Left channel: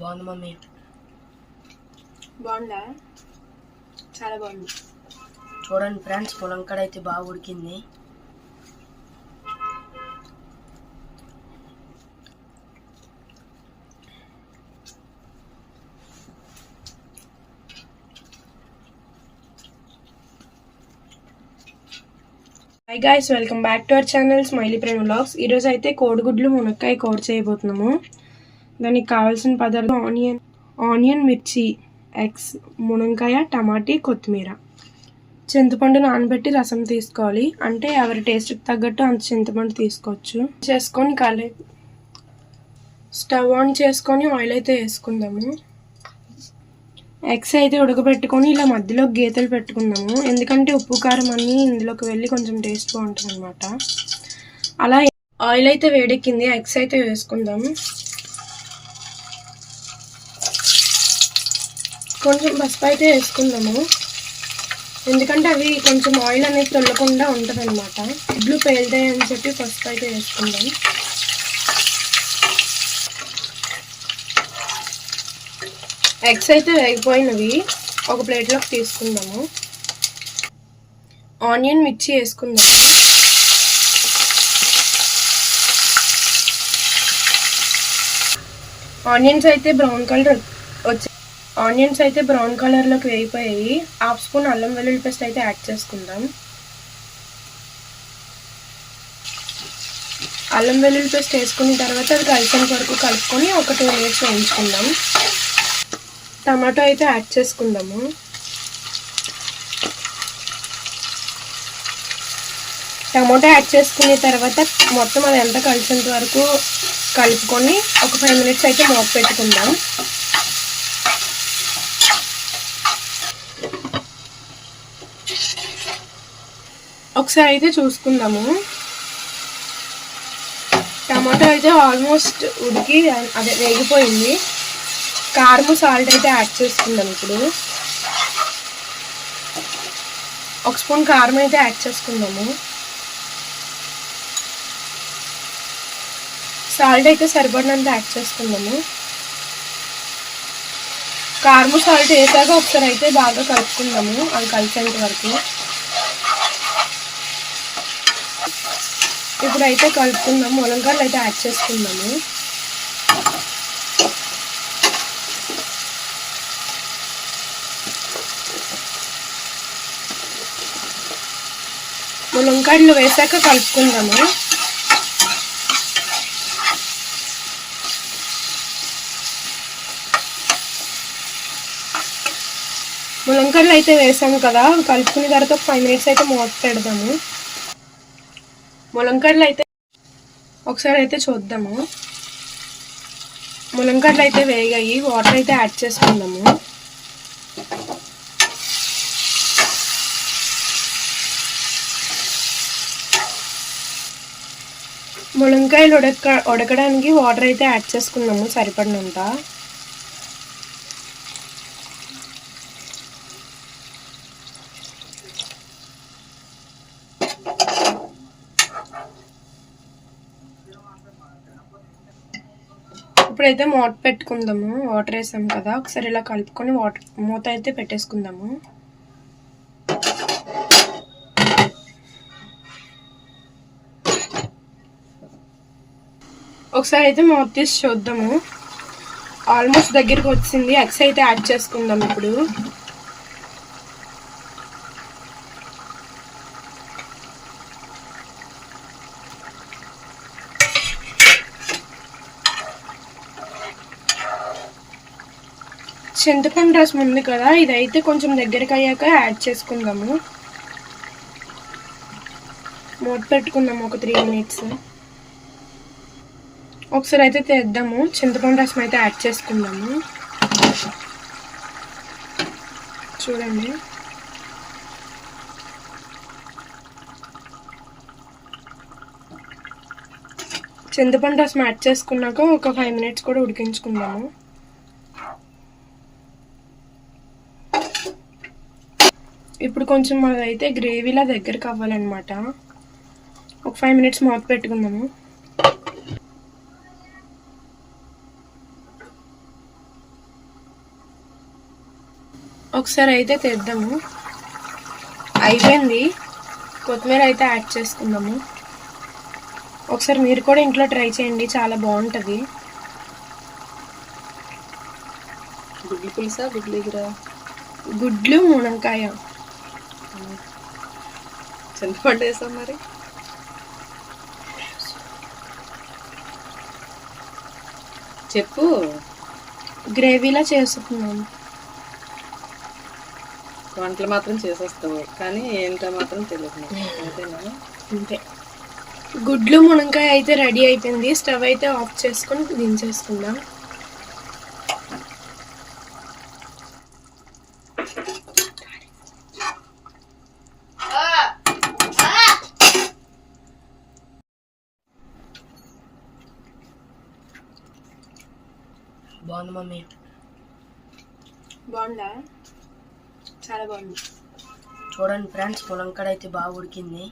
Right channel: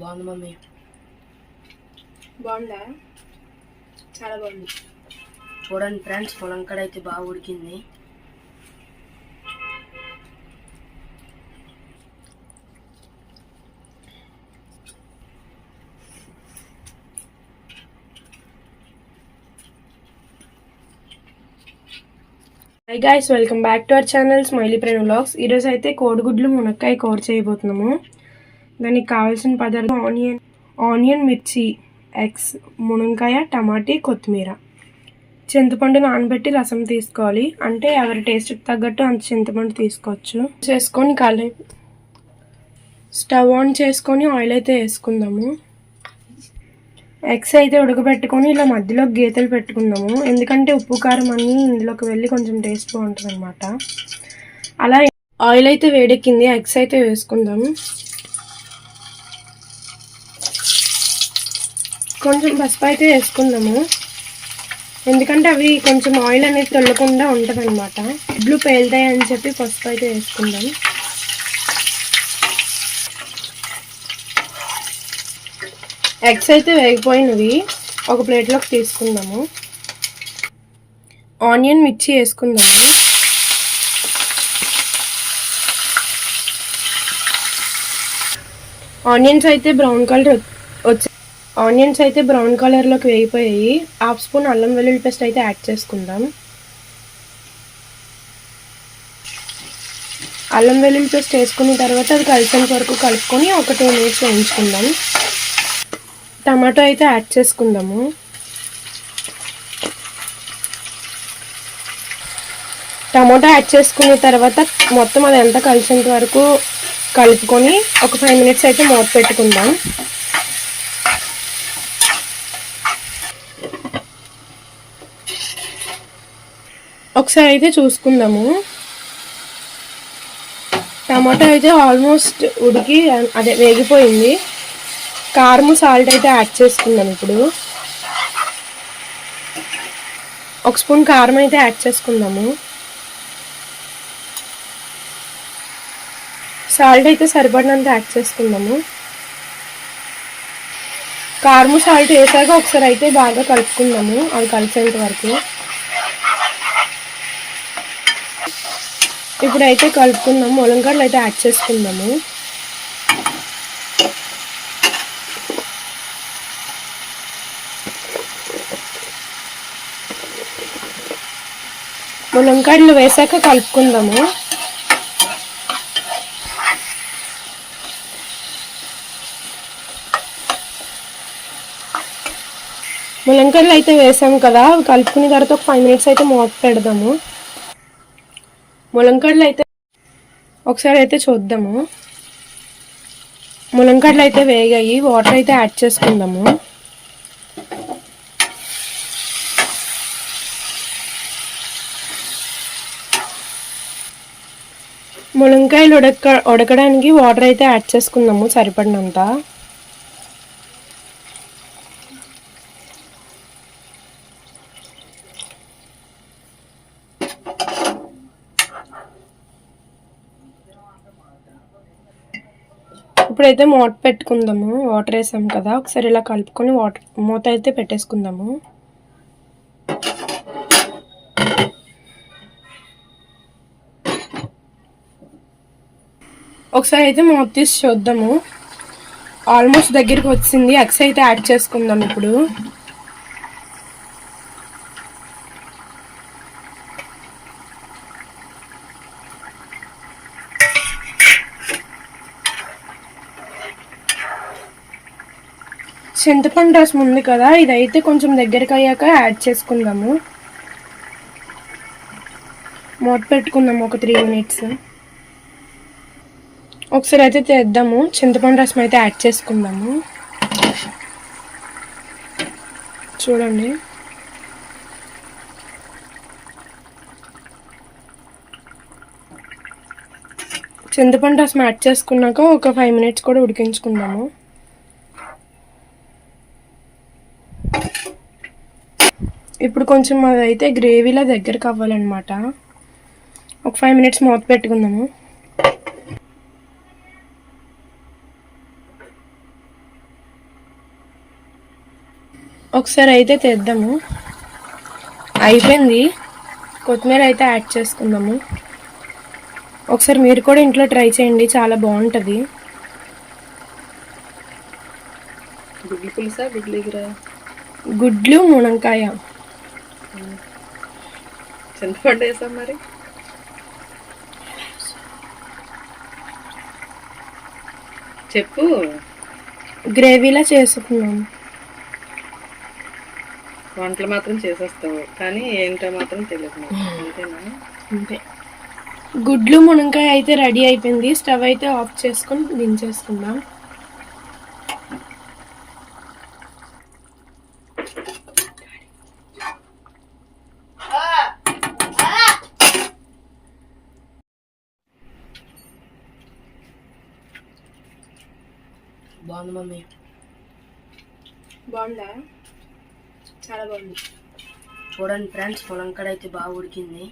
బాగుంది మమ్మీ. బాగుందా? చాలా బాగుంది. చూడండి ఫ్రెండ్స్ ములంకాడ అయితే బాగా ఉడికింది. Hi guys welcome back to our channel smiley Prem vlogs ఈరోజు అయితే కోడిగుడ్లు మునక్కాయ కోడి చేయబోతున్నాము. దానికి కావాల్సిన పదార్థం ఆనియన్ ఆనియన్ మిర్చి ఎగ్స్ మునక్కాయ టమాటీ కొత్తిమీర. చింతపండు నానబెట్టి రసం తీసుకోవాలి. అంటే ఎవరి టేస్ట్కి తగ్గట్టు అంత చింతపండు తీసుకోవచ్చు. చేసుకొని కాలే స్టవ్ ఆన్ చేసుకొని ఆయిల్ అయితే వేసుకుందాము. ఎగ్స్ అయితే ఉడకబెట్టుకొని ఇలా మధ్యలో గీతలు పెట్టుకుందాము. ఎందుకంటే ఉప్పు కారం అన్నీ ఇందులోకి వెళ్ళి కొంచెం టేస్ట్ బాగుంటుంది అనమాట అలా ఆయిల్ అయితే వేడెక్కింది. ఎగ్స్ అయితే వేసుకుందాము. కొంచెం పసుపు అయితే వేసుకుందాము. ఎందుకంటే అవి కొంచెం ఆయిల్ అనేది తొల్లకుండా ఉంటుంది అనమాట ఇడ్లు పేలుతాయి అని చెప్పి పసుపు అయితే వేసుకుందాం. ఎగ్స్ అయితే వేగిపోయినవి. ఒక ప్లేట్లోకి తీసుకుందాము. ఆనియన్ మిర్చి వేసుకుందాము. ఆనియన్స్ అయితే బ్రౌన్ కలర్ ఆనియన్స్ అయితే బ్రౌన్ కలర్లోకి వేగిపోయాయి. హాఫ్ స్పూన్ అల్లం వెల్లుల్లి పేస్ట్ అయితే యాడ్ చేసుకుందాం. అల్లం వెల్లుల్లి పేస్ట్ వేసుకున్న తర్వాత అది కలిసేంత వరకు కలుపుకొని ఒక టూ మినిట్స్ వేయించుకుందాం. టమాటో అయితే యాడ్ చేసుకుందాము. టమాటో యాడ్ చేసుకున్న తర్వాత మొత్తం అది ఎంత కలిసేంత వరకు కలుపుకొని ఒక ఫైవ్ మినిట్స్ అయితే మూత పెట్టుకుందాం. ఒకసారి అయితే చూసుకుందాము. టమాటో అయితే ఆల్మోస్ట్ ఉడికి అదే వేగిపోయింది. కారం సాల్ట్ అయితే యాడ్ చేసుకుందాం ఇప్పుడు. ఒక స్పూన్ కారం అయితే యాడ్ చేసుకుందాము. సాల్ట్ అయితే సరిపడినంత యాడ్ చేసుకుందాము. కారం సాల్ట్ వేసాక ఒకసారి అయితే బాగా కలుపుకుందాము. అది కలిసేంత వరకు. ఇప్పుడైతే కలుపుకుందాము. ములంకాయలు అయితే యాడ్ చేసుకుందాము. ములంకాయలు వేసాక కలుపుకుందాము. ములంకాయలు అయితే వేసాము కదా. కలుపుకున్న తర్వాత ఒక ఫైవ్ మినిట్స్ అయితే మూత పెడదాము. ములంకడలు అయితే ఒకసారి అయితే చూద్దాము. ములంకడలు అయితే వేగాయి వాటర్ అయితే యాడ్ చేసుకుందాము. ములంకాయలు ఉడక ఉడకడానికి వాటర్ అయితే యాడ్ చేసుకుందాము సరిపడినంత. ఇప్పుడైతే మూత పెట్టుకుందాము. వాటర్ వేసాము కదా. ఒకసారి ఇలా కలుపుకొని వాటర్ మూత అయితే పెట్టేసుకుందాము. ఒకసారి అయితే మూత తీసి చూద్దాము. ఆల్మోస్ట్ దగ్గరికి వచ్చింది. ఎగ్స్ అయితే యాడ్ చేసుకుందాం ఇప్పుడు. చింతపండు రసం ఉంది కదా ఇదైతే కొంచెం దగ్గరికి అయ్యాక యాడ్ చేసుకుందాము. మూత పెట్టుకుందాము ఒక త్రీ మినిట్స్ ఒకసారి అయితే తెద్దాము చింతపండు రసం అయితే యాడ్ చేసుకుందాము. చూడండి. చింతపండు రసం యాడ్ చేసుకున్నాక ఒక ఫైవ్ మినిట్స్ కూడా ఉడికించుకుందాము. ఇప్పుడు కొంచెం అదైతే గ్రేవీలా దగ్గరకు అవ్వాలన్నమాట. ఒక ఫైవ్ మినిట్స్ మూత పెట్టుకుందాము. ఒకసారి అయితే తెద్దాము. అయిపోయింది. కొత్తిమీర అయితే యాడ్ చేసుకుందాము. ఒకసారి మీరు కూడా ఇంట్లో ట్రై చేయండి చాలా బాగుంటుంది. గుడ్లు పులుసా? గుడ్లు గుడ్లు మునక్కాయ. చింతపండు వేసాం మరి. చెప్పు. గ్రేవీలా చేసుకున్నాము వంటలు మాత్రం చేసేస్తావు కానీ ఏంటో మాత్రం తెలియదు నాకు. అంతేనా? అంతే. గుడ్లు మునక్కాయ అయితే రెడీ అయిపోయింది. స్టవ్ అయితే ఆఫ్ చేసుకొని దించేసుకుందాం. బాగుంది మమ్మీ. బాగుందా? చాలా బాగుంది. చూడండి ఫ్రెండ్స్ ములంకాడ అయితే బాగా ఉడికింది.